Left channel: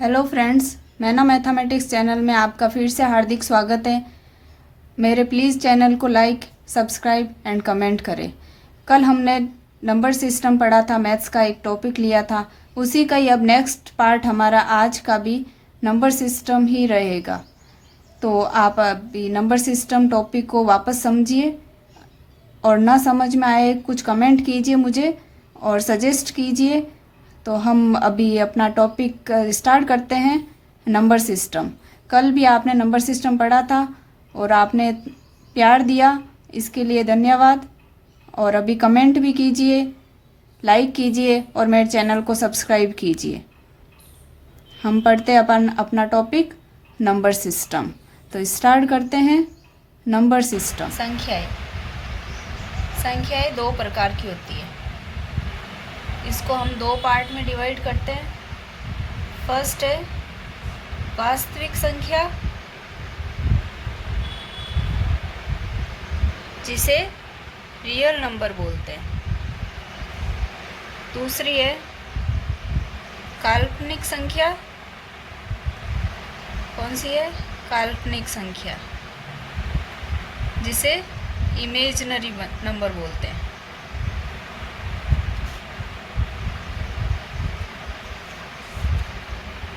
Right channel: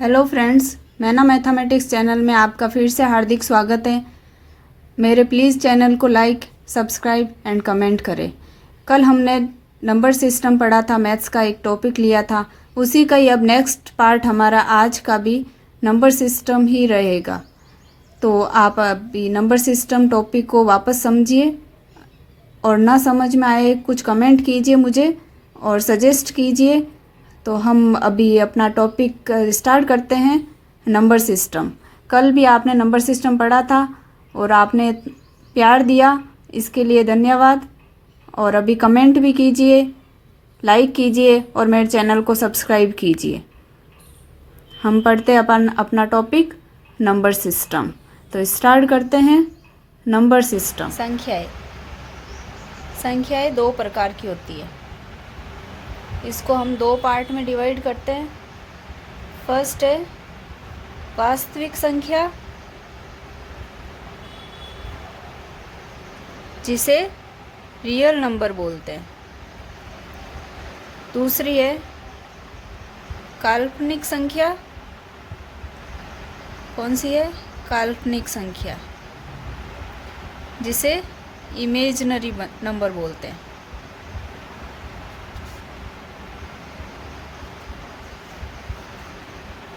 Hello friends, मैना mathematics channel में आपका फिर से हार्दिक स्वागत है। मेरे प्लीज़ चैनल को लाइक, सब्सक्राइब एंड कमेंट करें। कल हमने नंबर सिस्टम पढ़ा था, मैथ्स का एक टॉपिक लिया था, उसी का ही अब नेक्स्ट पार्ट हमारा आज का भी नंबर सिस्टम ही रहेगा। तो आप अभी नंबर सिस्टम टॉपिक को वापस समझिए और ना समझ में आए कुछ कमेंट कीजिए मुझे और सजेस्ट कीजिए। तो हम अभी अपना टॉपिक स्टार्ट करते हैं, नंबर सिस्टम। कल भी आपने नंबर सिस्टम पढ़ा था और आपने प्यार दिया, इसके लिए धन्यवाद। और अभी कमेंट भी कीजिए, लाइक कीजिए और मेरे चैनल को सब्सक्राइब कीजिए। हम पढ़ते अपन अपना टॉपिक नंबर सिस्टम। तो स्टार्ट करते हैं नंबर सिस्टम। संख्याएं दो प्रकार की होती है। इसको हम दो पार्ट में डिवाइड करते हैं। फर्स्ट है वास्तविक संख्या, जिसे रियल नंबर बोलते हैं। दूसरी है काल्पनिक संख्या। कौन सी है? काल्पनिक संख्या, जिसे इमेजिनरी नंबर बोलते हैं।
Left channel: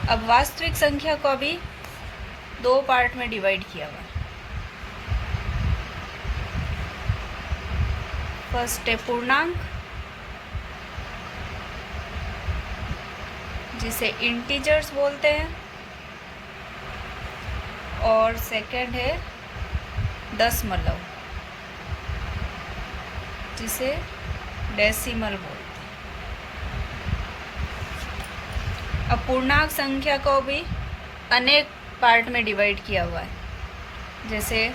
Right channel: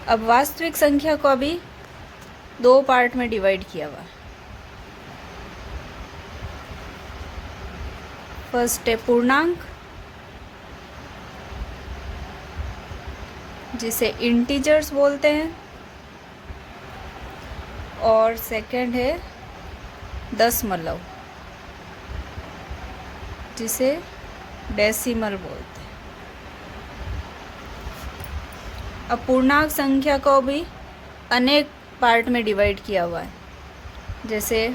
अब वास्तविक संख्या को अभी दो पार्ट में डिवाइड किया हुआ है। फर्स्ट है पूर्णांक, जिसे इंटीजर्स बोलते हैं, और सेकंड है दशमलव, जिसे डेसिमल बोलते हैं। अब पूर्णांक संख्या को भी अनेक पार्ट में डिवाइड किया हुआ है। जैसे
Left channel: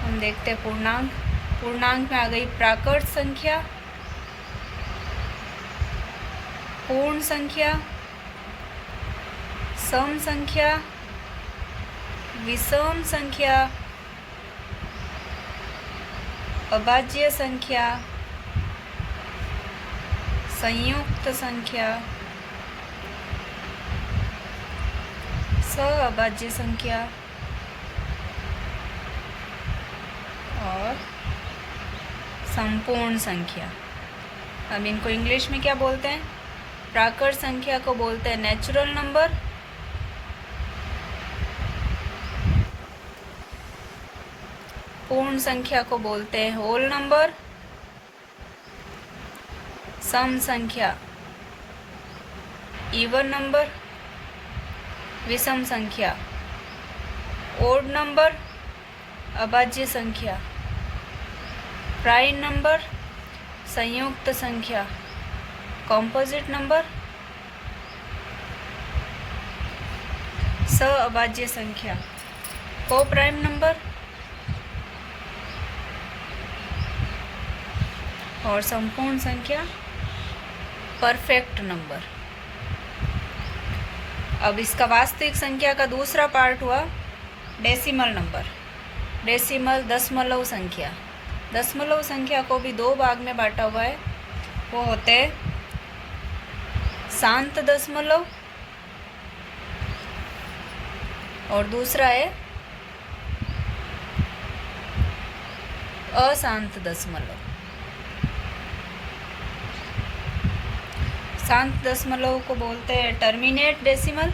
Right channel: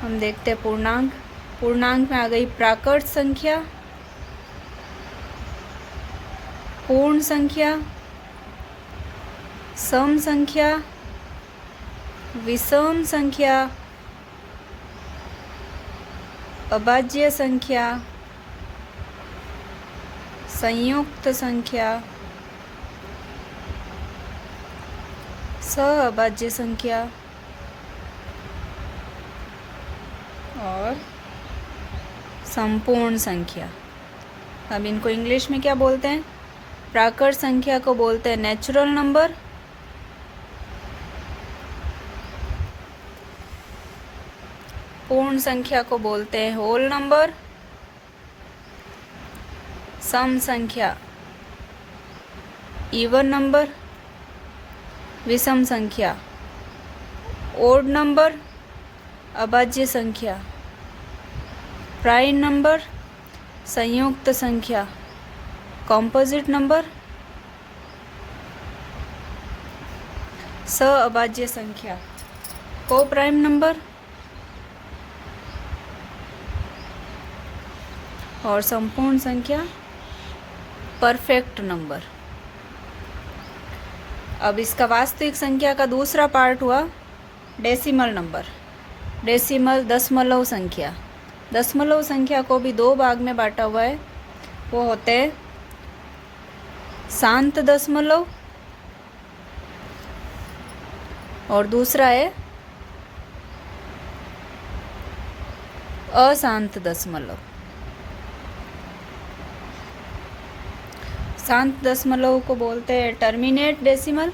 हम देखते हैं पूर्णांक में आ गई प्राकृत संख्या, पूर्ण संख्या, सम संख्या, विषम संख्या, अभाज्य संख्या, संयुक्त संख्या, सहअभाज्य संख्या और संपूर्ण संख्या। अब इनको इंग्लिश में क्या बोलते हैं? प्राकृत संख्या को बोलते हैं नेचुरल नंबर, पूर्ण संख्या को बोलते हैं होल नंबर, सम संख्या इवन नंबर, विषम संख्या ओड नंबर, अभाज्य संख्या प्राइम नंबर, संयुक्त संख्या कॉम्पोजिट नंबर, सहअभाज्य संख्या को प्राइम नंबर और संपूर्ण संख्या परफेक्ट नंबर। अब इसका वास्तविक संख्या का दूसरा पार्ट हुआ डेसिमल नंबर। डेसिमल दशमलव संख्या। दशमलव संख्या को भी दो भाग में बांटा हुआ है। वो होते हैं शांत दशमलव और दूसरा है अशांत दशमलव। शांत दशमलव को बोलते हैं टर्मिनेट डेसिमल,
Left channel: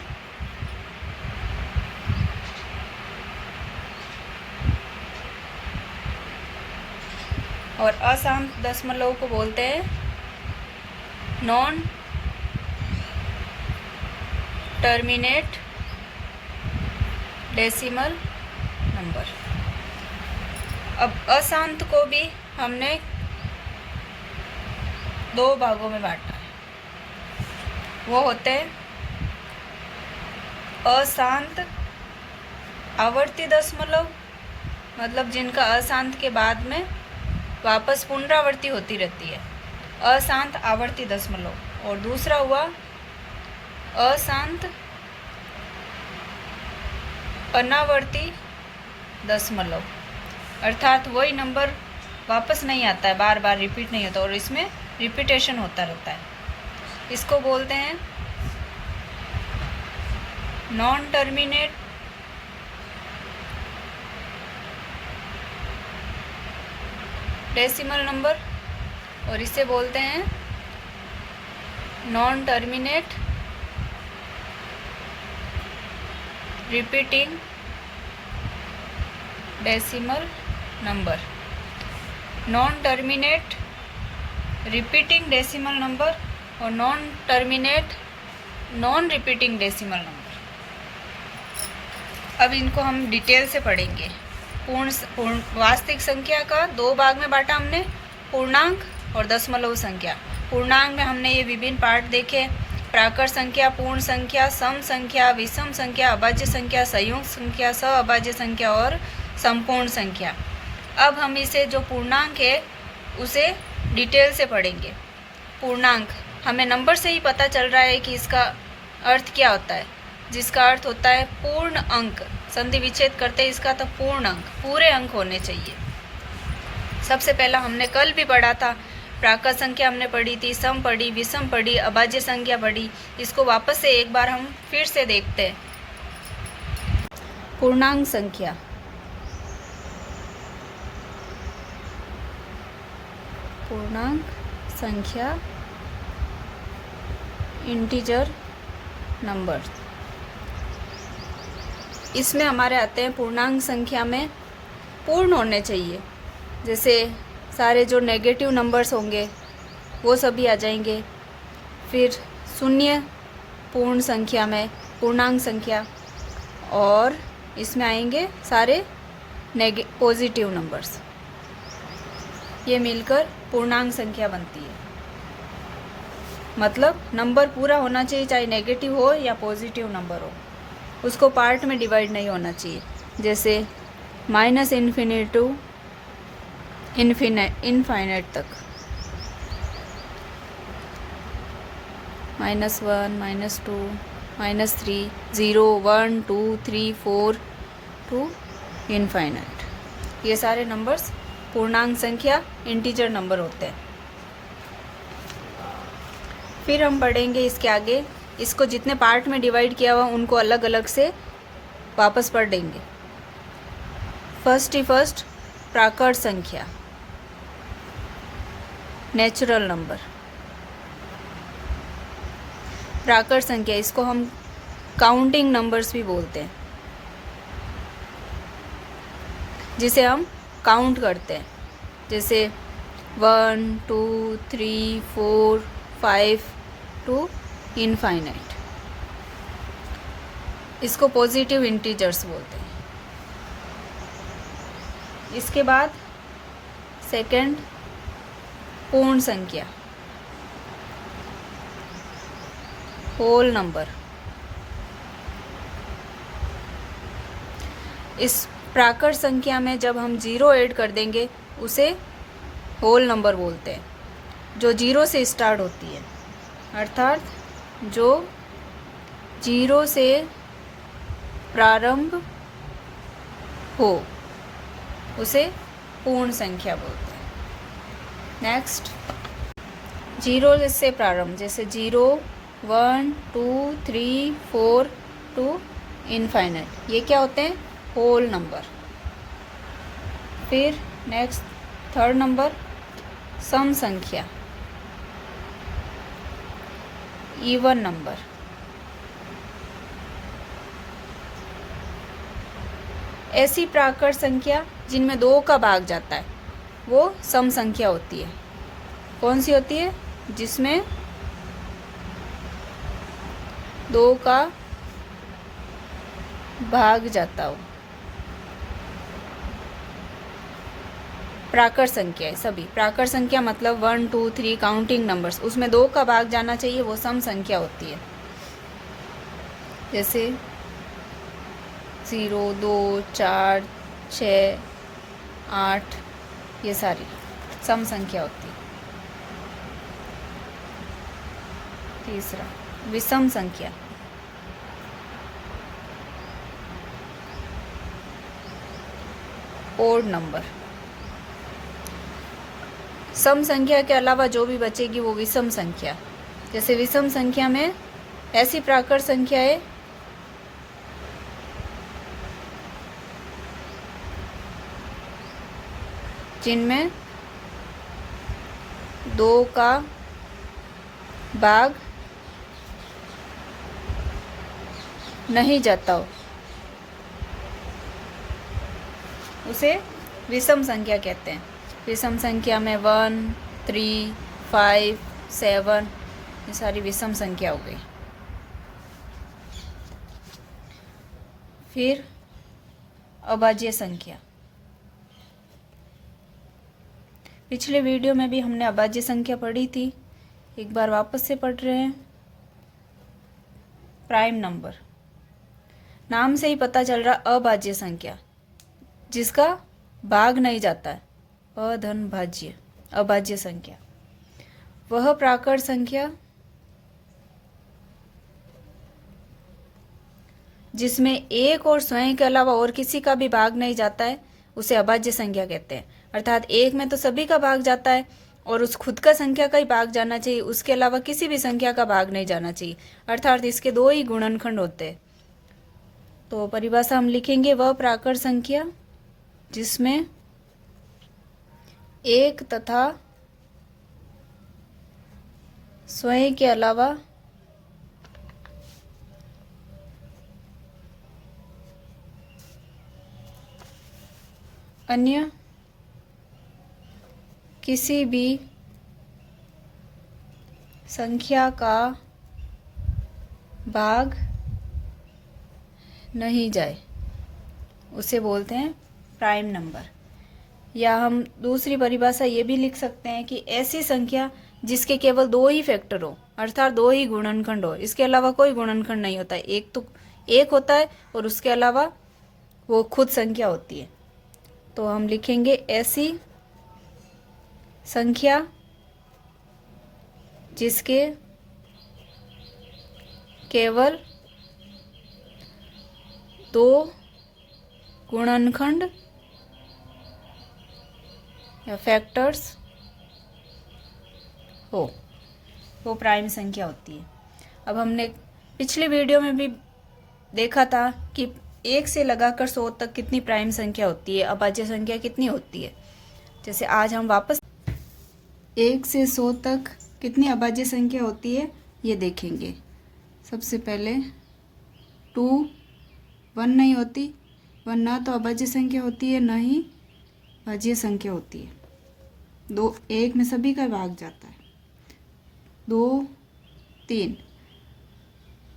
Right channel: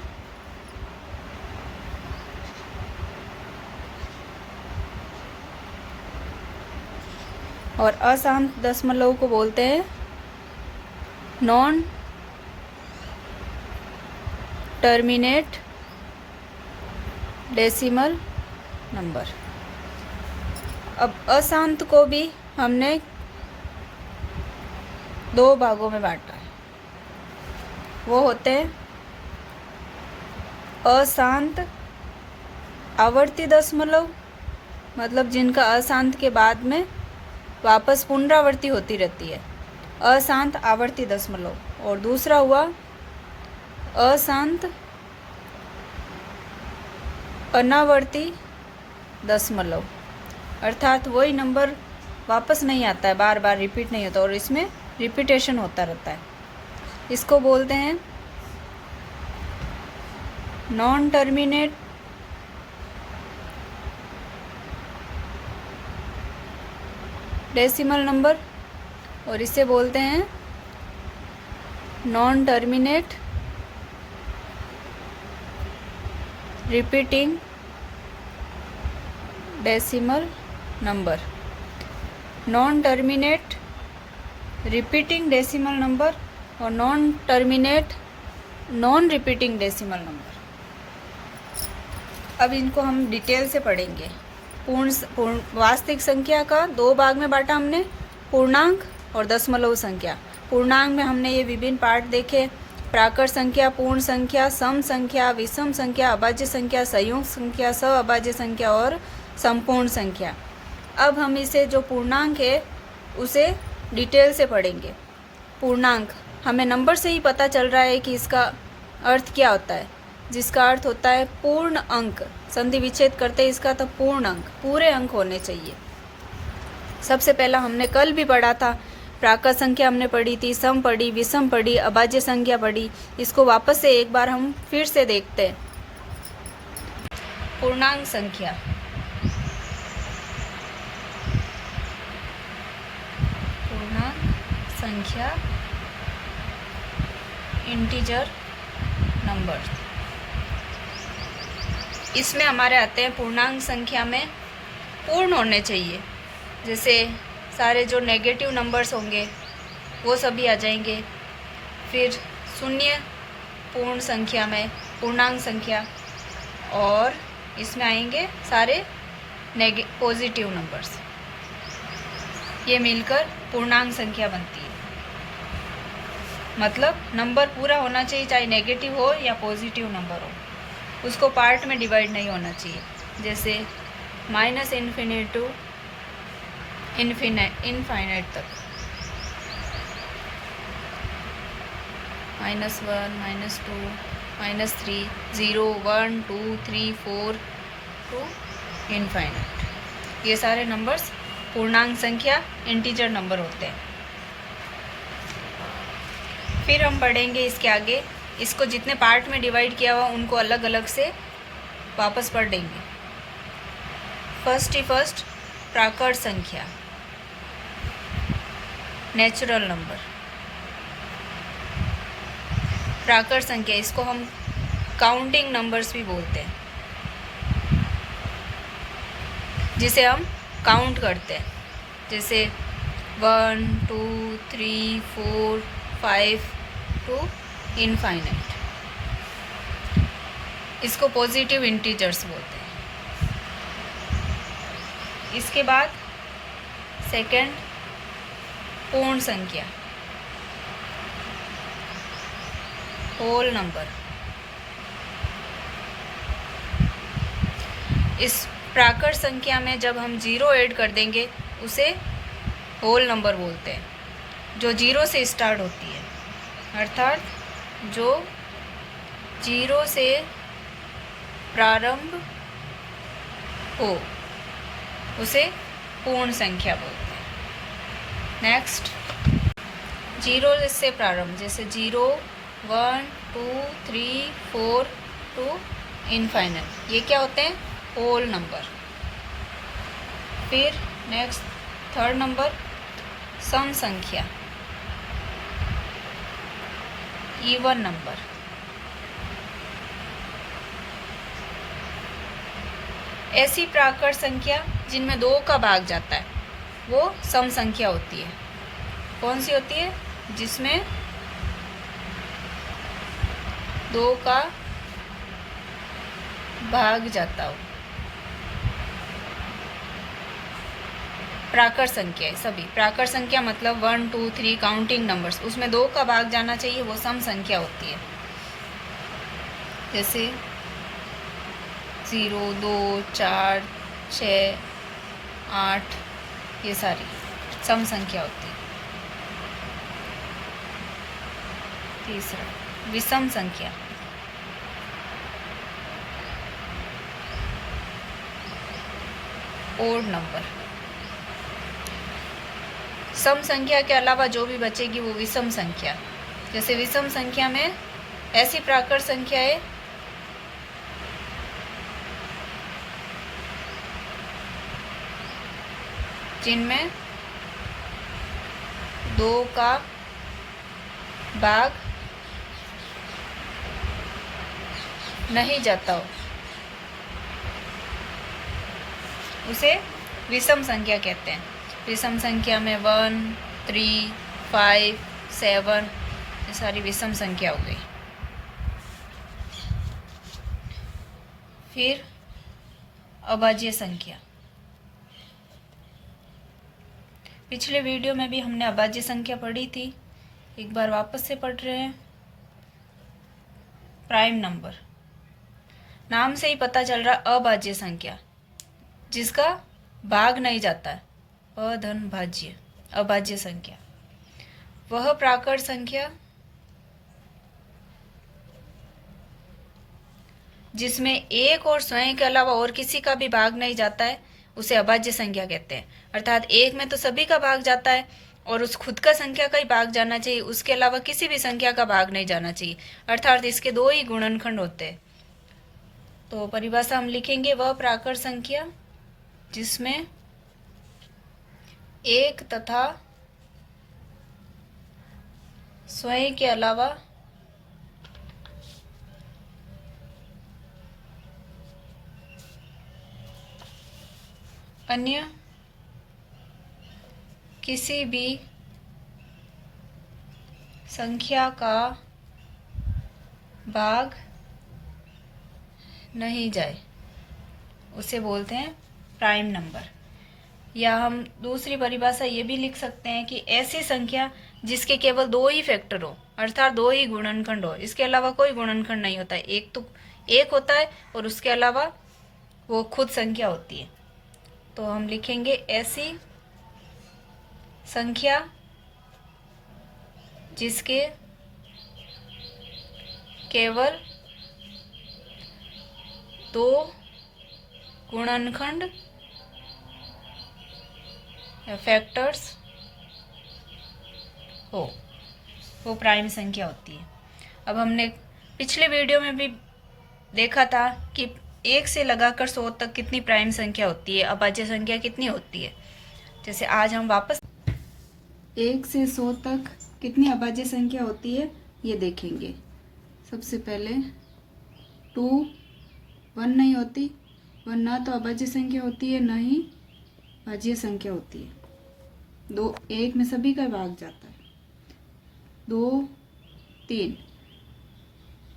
और अशांत दशमलव को बोलते हैं नॉन टर्मिनेट डेसिमल नंबर। अब अशांत को भी हमने दो भागों में बांटा है। वो होते हैं अशांत आवर्ती दशमलव, मतलब जिनका अशांत के बाद में वापस पुनरावृत्ति होती रहती है, अशांत आवर्ती दशमलव। और दूसरा हुआ अशांत अनावर्ती दशमलव, अर्थात वही नंबर वापस नहीं आता है, बार बार रिपीट नहीं होता और इसमें रिपीटेशन होता रहता है। इसको बोलते हैं नॉन टर्मिनेट डेसिमल नंबर, और इसे बोलते हैं non terminate repeating decimal number. Non terminate repeating decimal number और non terminate non repeating decimal number. अब इनको हम डिटेल से पढ़ेंगे। वास्तविक संख्या का दो भाग में बांटा हमने, पूर्णांक और दशमलव संख्या। पूर्णांक में हमने ये विभिन्न पार्ट देखे, प्राकृत संख्या, पूर्ण संख्या, सम संख्या, विषम संख्या, अभाज्य संख्या, संयुक्त संख्या, सअभाज्य संख्या और संपूर्ण संख्या। अब हम इसे जो पूर्णांक है उसे डिटेल से पढ़ेंगे। पूर्णांक हमें नंबर से ही पता चल रहा है कि इसका अर्थ क्या होता है, जिसका अर्थ होता है पूर्ण अंक। संधि विच्छेद करते हैं इसका, तो पूर्ण अंक, पूरे अंक होने चाहिए। सबसे पहला हमने कल भी पढ़ा था, प्राकृत संख्या हमने पढ़ी थी, सम पढ़ी, विषम पढ़ी, अभाज्य संख्या पढ़ी। इसको वापस से एक बार हम फिर से देखते हैं। पूर्णांक संख्या, पूर्णांक संख्या, इंटीजर नंबर। इसमें हमारे आते हैं पूर्णांक संख्या में पूर्ण होने चाहिए। जैसे सारे जो नेगेटिव नंबर्स होंगे वो सभी आ जाएंगे। फिर शून्य पूर्ण संख्या में पूर्णांक संख्या, और इसमें आएंगे सारे पॉजिटिव नंबर्स। ये मिलकर पूर्णांक संख्या बनती है। मतलब नंबर पूरा होना चाहिए, चाहे नेगेटिव हो या पॉजिटिव नंबर हो, उसको पार्ट में डिवाइड नहीं होना चाहिए। जैसे माइनस इन्फिनिट टू इनफाइनाइट तक, -1, -2, -3, 0, 1, 2, 3, 4 टू इनफाइनाइट। ये सारे नंबर्स पूर्णांक संख्या, इंटीजर नंबर होते हैं। फिर हम पढ़ेंगे इसके आगे, इसको जितने पार्ट में डिवाइड किया हुआ उनको अलग अलग से वापस पढ़ देंगे। फर्स्ट प्राकृत संख्या, नेचुरल नंबर। प्राकृत संख्या, इसको हम काउंटिंग नंबर्स भी बोलते हैं, जिसे हम काउंट करते हैं। जैसे 1, 2, 3, 4, 5 टू इनफाइनाइट। इसको पॉजिटिव इंटीजर्स बोलते हैं। इसके बाद सेकंड पूर्ण संख्या, होल नंबर। इस प्राकृत संख्या में जब हम 0 ऐड कर देंगे उसे होल नंबर बोलते हैं, जो 0 से स्टार्ट होती है। अर्थात जो 0 से प्रारंभ हो उसे पूर्ण संख्या बोलते हैं। नेक्स्ट 0 से प्रारंभ, जैसे 0, 1, 2, 3, 4 टू इनफाइनाइट, ये क्या होते हैं? Whole number. फिर नेक्स्ट थर्ड नंबर सम संख्या, इवन नंबर। ऐसी प्राकृत संख्या जिनमें 2 का भाग जाता है वो सम संख्या होती है। कौन सी होती है? जिसमें 2 का भाग जाता हो। प्राकृत संख्या है सभी। प्राकृत संख्या मतलब 1, 2, 3 काउंटिंग नंबर्स, उसमें 2 का भाग जाना चाहिए, वो सम संख्या होती है। जैसे 0, 2, 4, 6, 8, ये सारी सम संख्या होती है। तीसरा विषम संख्या, ओड नंबर। सम संख्या के अलावा जो भी बचेगी वो विषम संख्या। जैसे विषम संख्या में ऐसी प्राकृत संख्या है जिनमें 2 का भाग नहीं जाता हो उसे विषम संख्या कहते हैं। विषम संख्या में 1, 3, 5, 7 ये सारी विषम संख्या हो गई। फिर अभाज्य संख्या। पिछले वीडियो में भी हमने अभाज्य संख्या पढ़ी थी, एक बार वापस से पढ़ रहे हैं। प्राइम नंबर, नाम से ही पता चल रहा अभाज्य संख्या जिसका भाग नहीं जाता है, अधन भाज्य अभाज्य संख्या। वह प्राकृत संख्या जिसमें एक और स्वयं के अलावा और किसी का भी भाग नहीं जाता है उसे अभाज्य संख्या कहते हैं। अर्थात एक में तो सभी का भाग जाता है और उस खुद का संख्या का ही भाग जाना चाहिए, उसके अलावा किसी भी संख्या का भाग नहीं जाना चाहिए। अर्थात इसके 2 ही गुणनखंड होते हैं। तो परिभाषा हम लिखेंगे, वह प्राकृत संख्या जिसमें एक तथा स्वयं के अलावा अन्य किसी भी संख्या का भाग नहीं जाए उसे बोलते हैं प्राइम नंबर। या हम दूसरी परिभाषा ये भी लिख सकते हैं कि ऐसी संख्या जिसके केवल 2 ही फैक्टर हो, अर्थात 2 ही गुणनखंड हो, इसके अलावा कोई गुणनखंड नहीं होता है। एक तो एक होता है और उसके अलावा वो खुद संख्या होती है। तो हम लिखेंगे ऐसी संख्या जिसके केवल 2 गुणनखंड या फैक्टर्स हो, वो प्राइम संख्या होती है। अब हमने पिछले वीडियो में भी देखा था कि 1 से लगाकर 100 तक कितनी प्राइम संख्या होती है, अभाज्य संख्या कितनी होती है। जैसे आज हम वापस 1 से 100 तक कितनी अभाज्य संख्या होती है ये देखेंगे। सबसे पहले 2, 1 नहीं होती, 1 ना तो अभाज्य संख्या होती है ना ही भाज्य संख्या होती है। 2, 1 में सभी का भाग जाता है। 2, 3,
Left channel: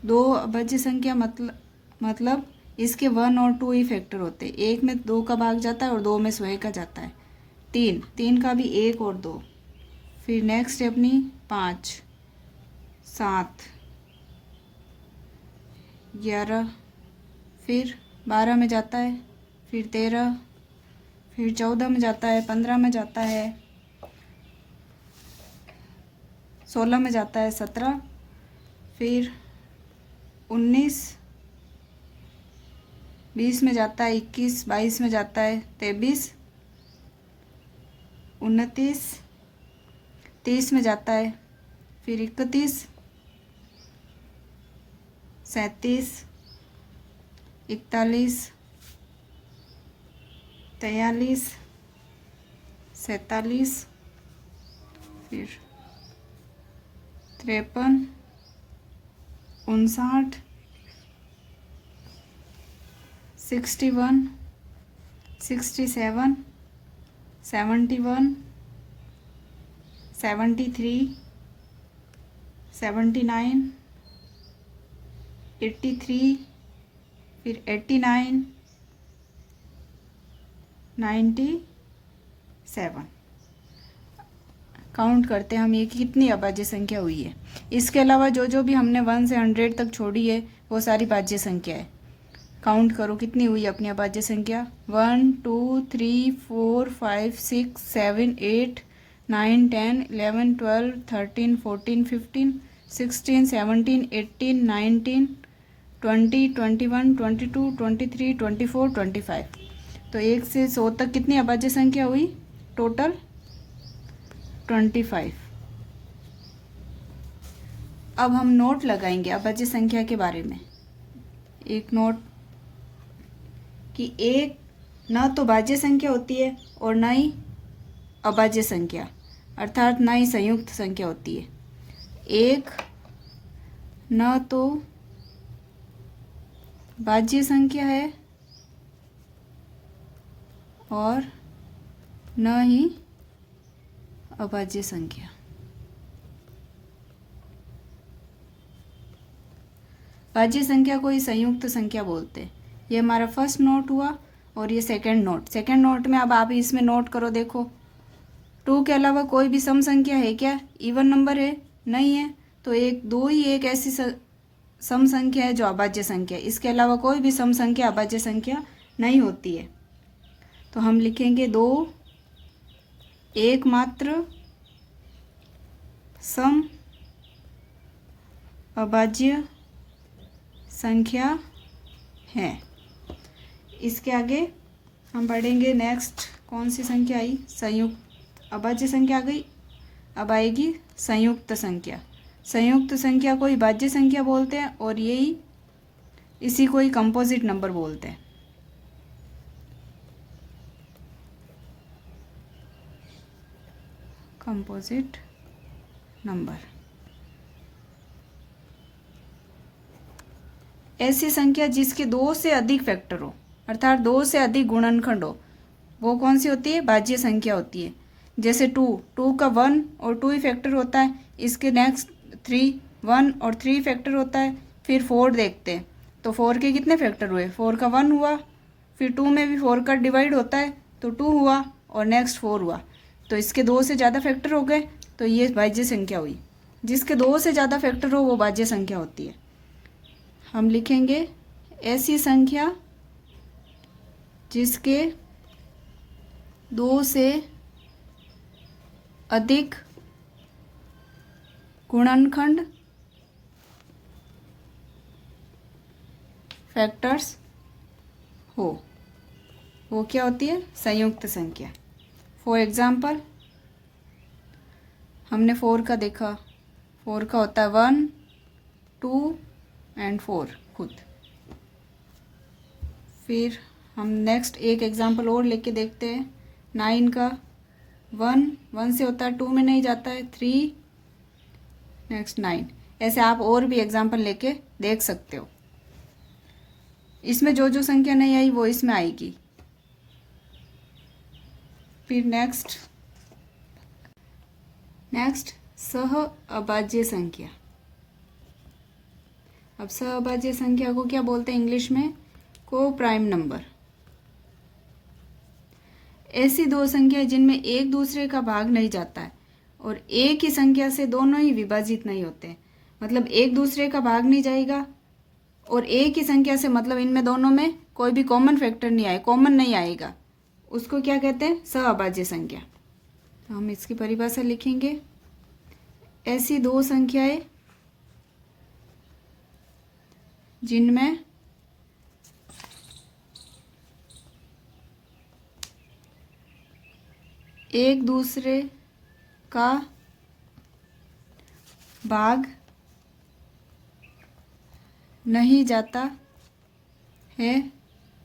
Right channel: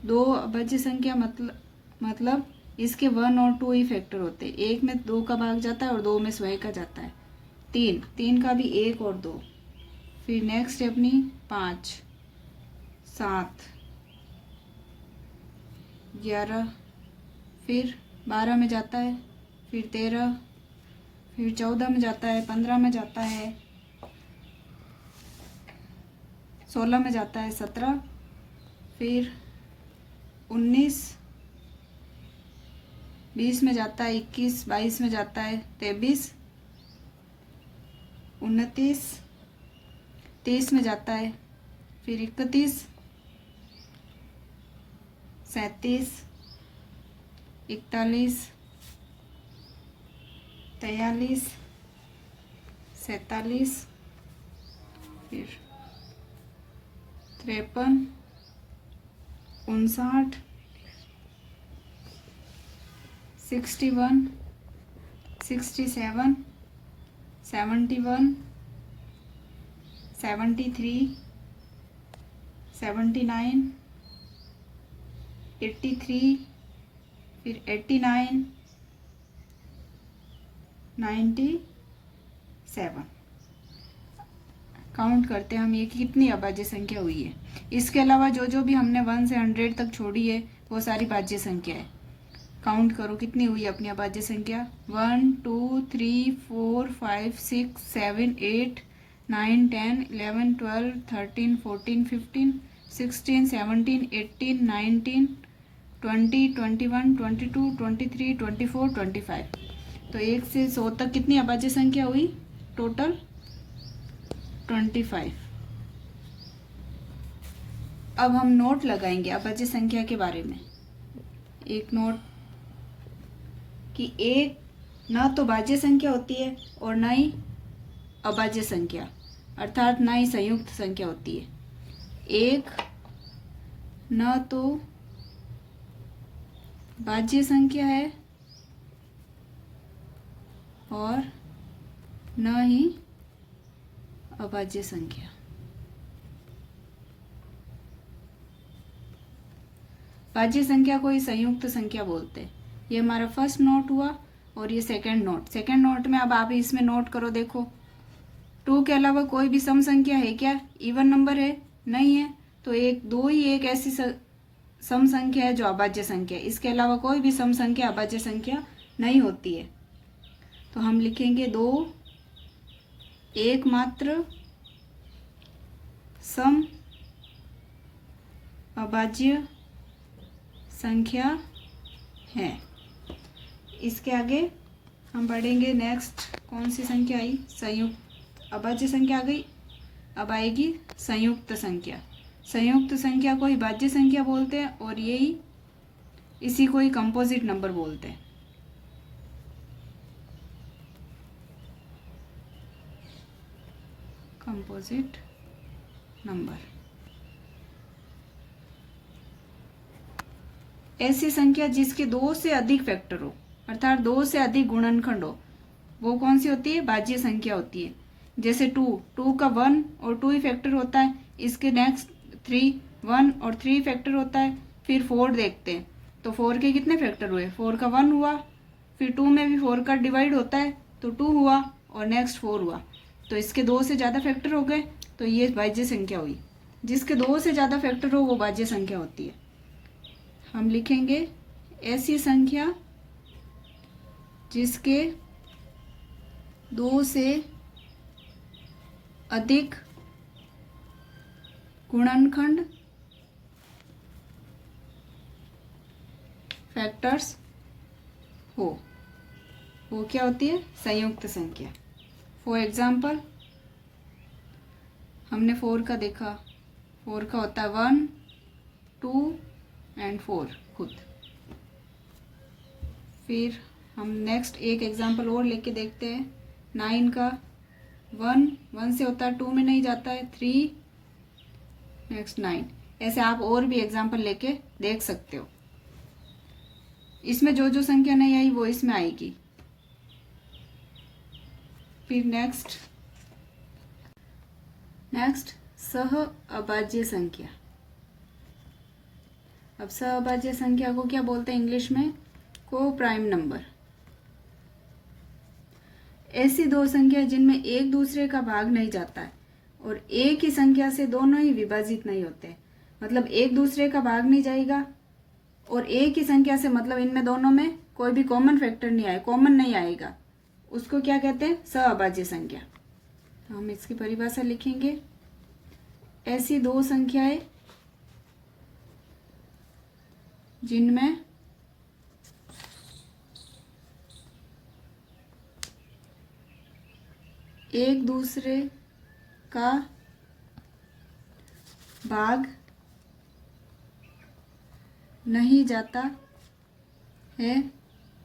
2 अभाज्य संख्या मतलब इसके 1 और 2 ही फैक्टर होते हैं। 1 में 2 का भाग जाता है और 2 में स्वयं का जाता है। 3 का भी 1 और 2। फिर नेक्स्ट है अपनी 5, 7, 11, फिर 12 में जाता है, फिर 13, फिर 14 में जाता है, 15 में जाता है, 16 में जाता है, 17, फिर 19, 20 में जाता है, 21, 22 में जाता है, 23, 29, 30 में जाता है, फिर 31, 37, 41, 43, 47, फिर 53, 59, 61, 67, 71, 73, 79, 83, फिर 89, 97। काउंट करते हैं हम ये कितनी अभाज्य संख्या हुई है। इसके अलावा जो जो भी हमने 1 से 100 तक छोड़ी है वो सारी भाज्य संख्या है। काउंट करो कितनी हुई अपनी अभाज्य संख्या। 1, 2, 3, 4, 5, 6, 7, 8, 9, 10, 11, 12, 13, 14, 15, 16, 17, 18, 19, 20, 21, 22, 23, 24, 25। तो 1 से 100 तक कितनी अभाज्य संख्या हुई टोटल? 25। अब हम नोट लगाएंगे अभाज्य संख्या के बारे में। एक नोट कि एक ना तो भाज्य संख्या होती है और ना ही अभाज्य संख्या, अर्थात ना ही संयुक्त संख्या होती है। एक न तो भाज्य संख्या है और न ही अभाज्य संख्या। भाज्य संख्या को ही संयुक्त संख्या बोलते हैं। ये हमारा फर्स्ट नोट हुआ और ये सेकंड नोट। सेकंड नोट में अब आप इसमें नोट करो, देखो 2 के अलावा कोई भी सम संख्या है क्या? इवन नंबर है? नहीं है। तो एक दो ही एक ऐसी सम संख्या है जो अभाज्य संख्या है। इसके अलावा कोई भी सम संख्या अभाज्य संख्या नहीं होती है। तो हम लिखेंगे 2 एकमात्र सम अभाज्य संख्या है। इसके आगे हम पढ़ेंगे नेक्स्ट कौन सी संख्या आई? संयुक्त। अभाज्य संख्या आ गई, अब आएगी संयुक्त संख्या। संयुक्त संख्या को ही भाज्य संख्या बोलते हैं और यही इसी को ही कंपोजिट नंबर बोलते हैं। कंपोजिट नंबर ऐसी संख्या जिसके 2 से अधिक फैक्टर हो, अर्थात 2 से अधिक गुणनखंड हो, वो कौन सी होती है? भाज्य संख्या होती है। जैसे 2 का 1 और 2 ही फैक्टर होता है। इसके नेक्स्ट 3 1 और 3 फैक्टर होता है। फिर 4 देखते हैं तो 4 के कितने फैक्टर हुए? 4 का 1 हुआ, फिर 2 में भी 4 का डिवाइड होता है तो 2 हुआ और नेक्स्ट 4 हुआ। तो इसके 2 से ज़्यादा फैक्टर हो गए तो ये भाज्य संख्या हुई। जिसके 2 से ज़्यादा फैक्टर हो वो भाज्य संख्या होती है। हम लिखेंगे ऐसी संख्या जिसके 2 से अधिक गुणनखंड फैक्टर्स हो, वो क्या होती है? संयुक्त संख्या। फॉर एग्जाम्पल हमने 4 का देखा, 4 का होता है 1 2 एंड 4 खुद। फिर हम नेक्स्ट एक एग्जाम्पल और लेके देखते हैं। 9 का 1 से होता है, 2 में नहीं जाता है, 3 नेक्स्ट 9। ऐसे आप और भी एग्जाम्पल लेके देख सकते हो। इसमें जो जो संख्या नहीं आई वो इसमें आएगी। फिर नेक्स्ट सह अभाज्य संख्या। अब सहअभाज्य संख्या को क्या बोलते हैं इंग्लिश में? को प्राइम नंबर। ऐसी 2 संख्या जिनमें एक दूसरे का भाग नहीं जाता है और एक ही संख्या से दोनों ही विभाजित नहीं होते। मतलब एक दूसरे का भाग नहीं जाएगा और एक ही संख्या से, मतलब इनमें दोनों में कोई भी कॉमन फैक्टर नहीं आए, कॉमन नहीं आएगा, उसको क्या कहते हैं? सहअभाज्य संख्या। तो हम इसकी परिभाषा लिखेंगे। ऐसी 2 संख्याएं जिनमें एक दूसरे का भाग नहीं जाता है और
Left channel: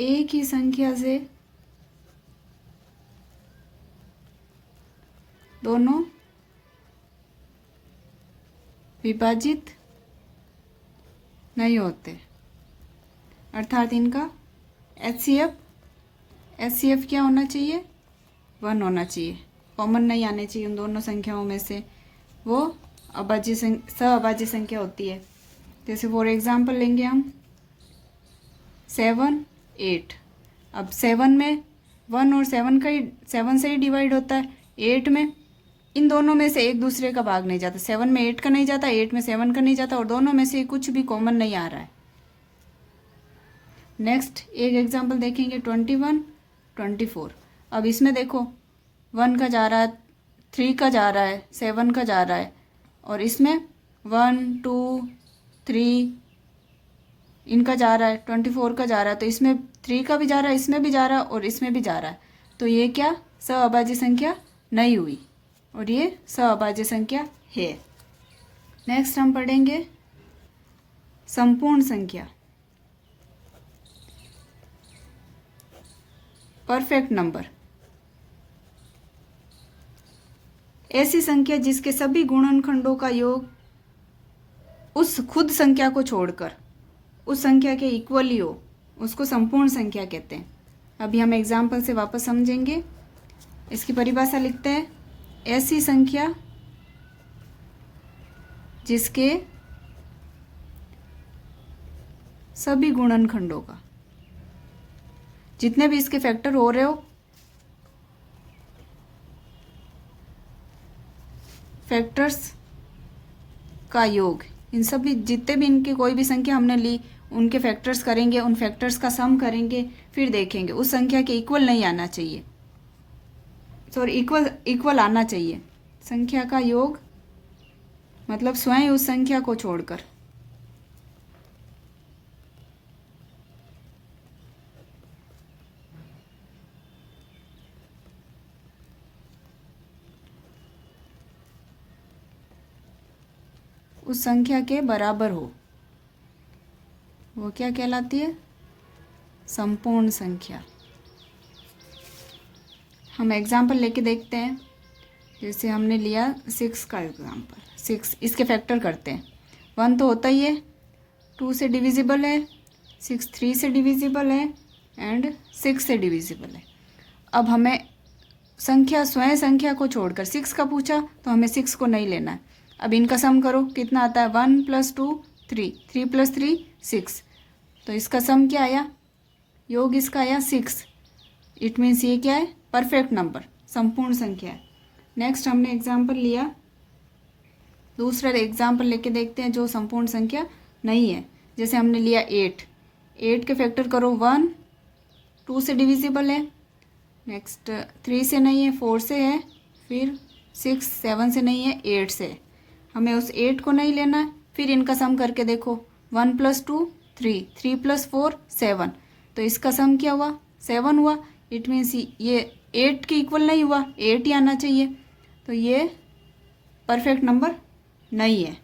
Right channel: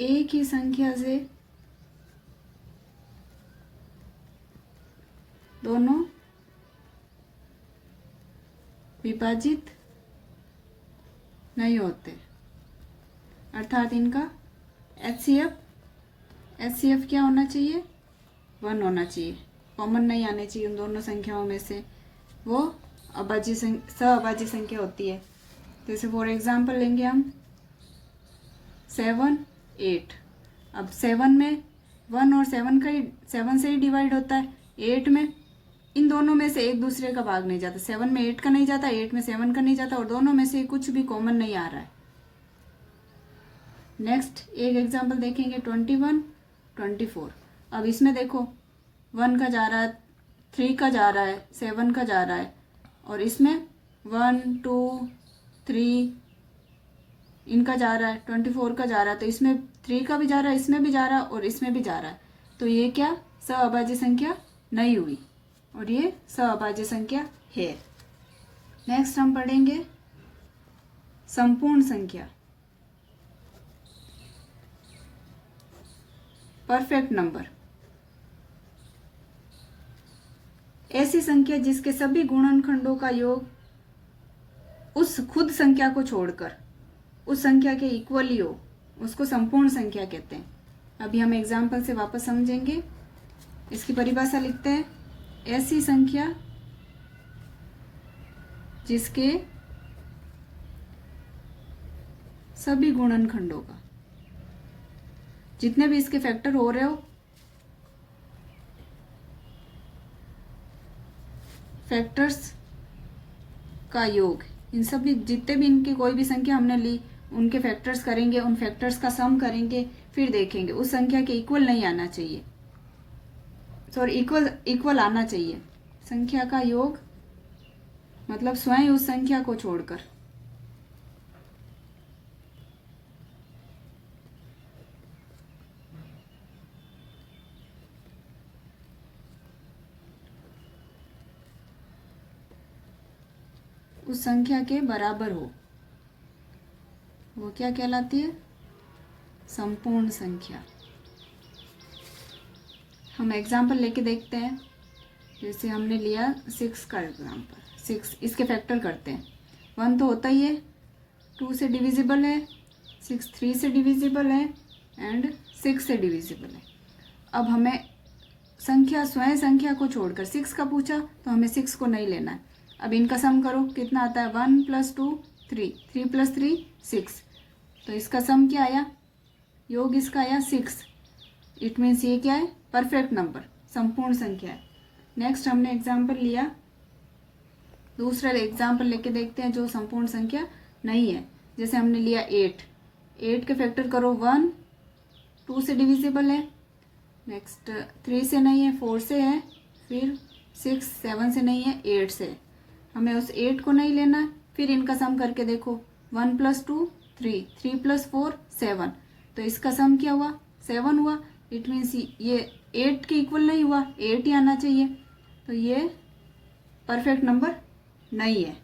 एक ही संख्या से दोनों विभाजित नहीं होते। अर्थात इनका HCF क्या होना चाहिए? 1 होना चाहिए। कॉमन नहीं आने चाहिए उन दोनों संख्याओं में से। वो सहअभाज्य संख्या होती है। जैसे फॉर एग्जांपल लेंगे हम 7 8। अब 7 में 1 और 7 से ही डिवाइड होता है। 8 में इन दोनों में से एक दूसरे का भाग नहीं जाता। 7 में 8 का नहीं जाता, 8 में 7 का नहीं जाता और दोनों में से कुछ भी कॉमन नहीं आ रहा है। नेक्स्ट एक एग्जांपल देखेंगे 21 24। अब इसमें देखो 1 का जा रहा है, 3 का जा रहा है, 7 का जा रहा है और इसमें 1 2 3 इनका जा रहा है, 24 का जा रहा है। तो इसमें 3 का भी जा रहा है, इसमें भी जा रहा है और इसमें भी जा रहा है। तो ये क्या? सहअभाज्य संख्या नहीं हुई और ये सहअभाज्य संख्या है। नेक्स्ट हम पढ़ेंगे संपूर्ण संख्या। परफेक्ट नंबर ऐसी संख्या जिसके सभी गुणनखंडों का योग उस खुद संख्या को छोड़कर उस संख्या के इक्वली हो, उसको संपूर्ण संख्या कहते हैं। अभी हम एग्जाम्पल से वापस समझेंगे। इसकी परिभाषा लिखते हैं, ऐसी संख्या जिसके सभी गुणनखंडों का, जितने भी इसके फैक्टर हो रहे हो, फैक्टर्स का योग, इन सभी जितने भी इनकी कोई भी संख्या हमने ली उनके फैक्टर्स करेंगे, उन फैक्टर्स का सम करेंगे, फिर देखेंगे उस संख्या के इक्वल नहीं आना चाहिए, सॉरी इक्वल आना चाहिए। संख्या का योग मतलब स्वयं उस संख्या को छोड़कर। उस संख्या के बराबर हो, वो क्या कहलाती है? संपूर्ण संख्या। हम एग्जाम्पल लेके देखते हैं। जैसे हमने लिया 6 का एग्जाम्पल, 6 इसके फैक्टर करते हैं। 1 तो होता ही है, 2 से डिविजिबल है, 6 3 से डिविजिबल है एंड 6 से डिविजिबल है। अब हमें संख्या स्वयं संख्या को छोड़कर 6 का पूछा तो हमें 6 को नहीं लेना है। अब इनका सम करो, कितना आता है? 1 + 2 3, 3 + 3 6। तो इसका सम क्या आया? योग इसका आया 6। इट मीन्स ये क्या है? परफेक्ट नंबर, संपूर्ण संख्या है। नेक्स्ट हमने एग्जाम्पल लिया, दूसरा एग्जाम्पल लेके देखते हैं जो संपूर्ण संख्या नहीं है। जैसे हमने लिया 8, 8 के फैक्टर करो, 1 2 से डिविजिबल है, नेक्स्ट 3 से नहीं है, 4 से है, फिर 6 7 से नहीं है, 8 से है। हमें उस 8 को नहीं लेना है। फिर इनका सम करके देखो, 1 + 2 3, 3 + 4 7। तो इसका सम क्या हुआ? 7 हुआ। इट मीन्स ये 8 के इक्वल नहीं हुआ, 8 ही आना चाहिए। तो ये परफेक्ट नंबर नहीं है।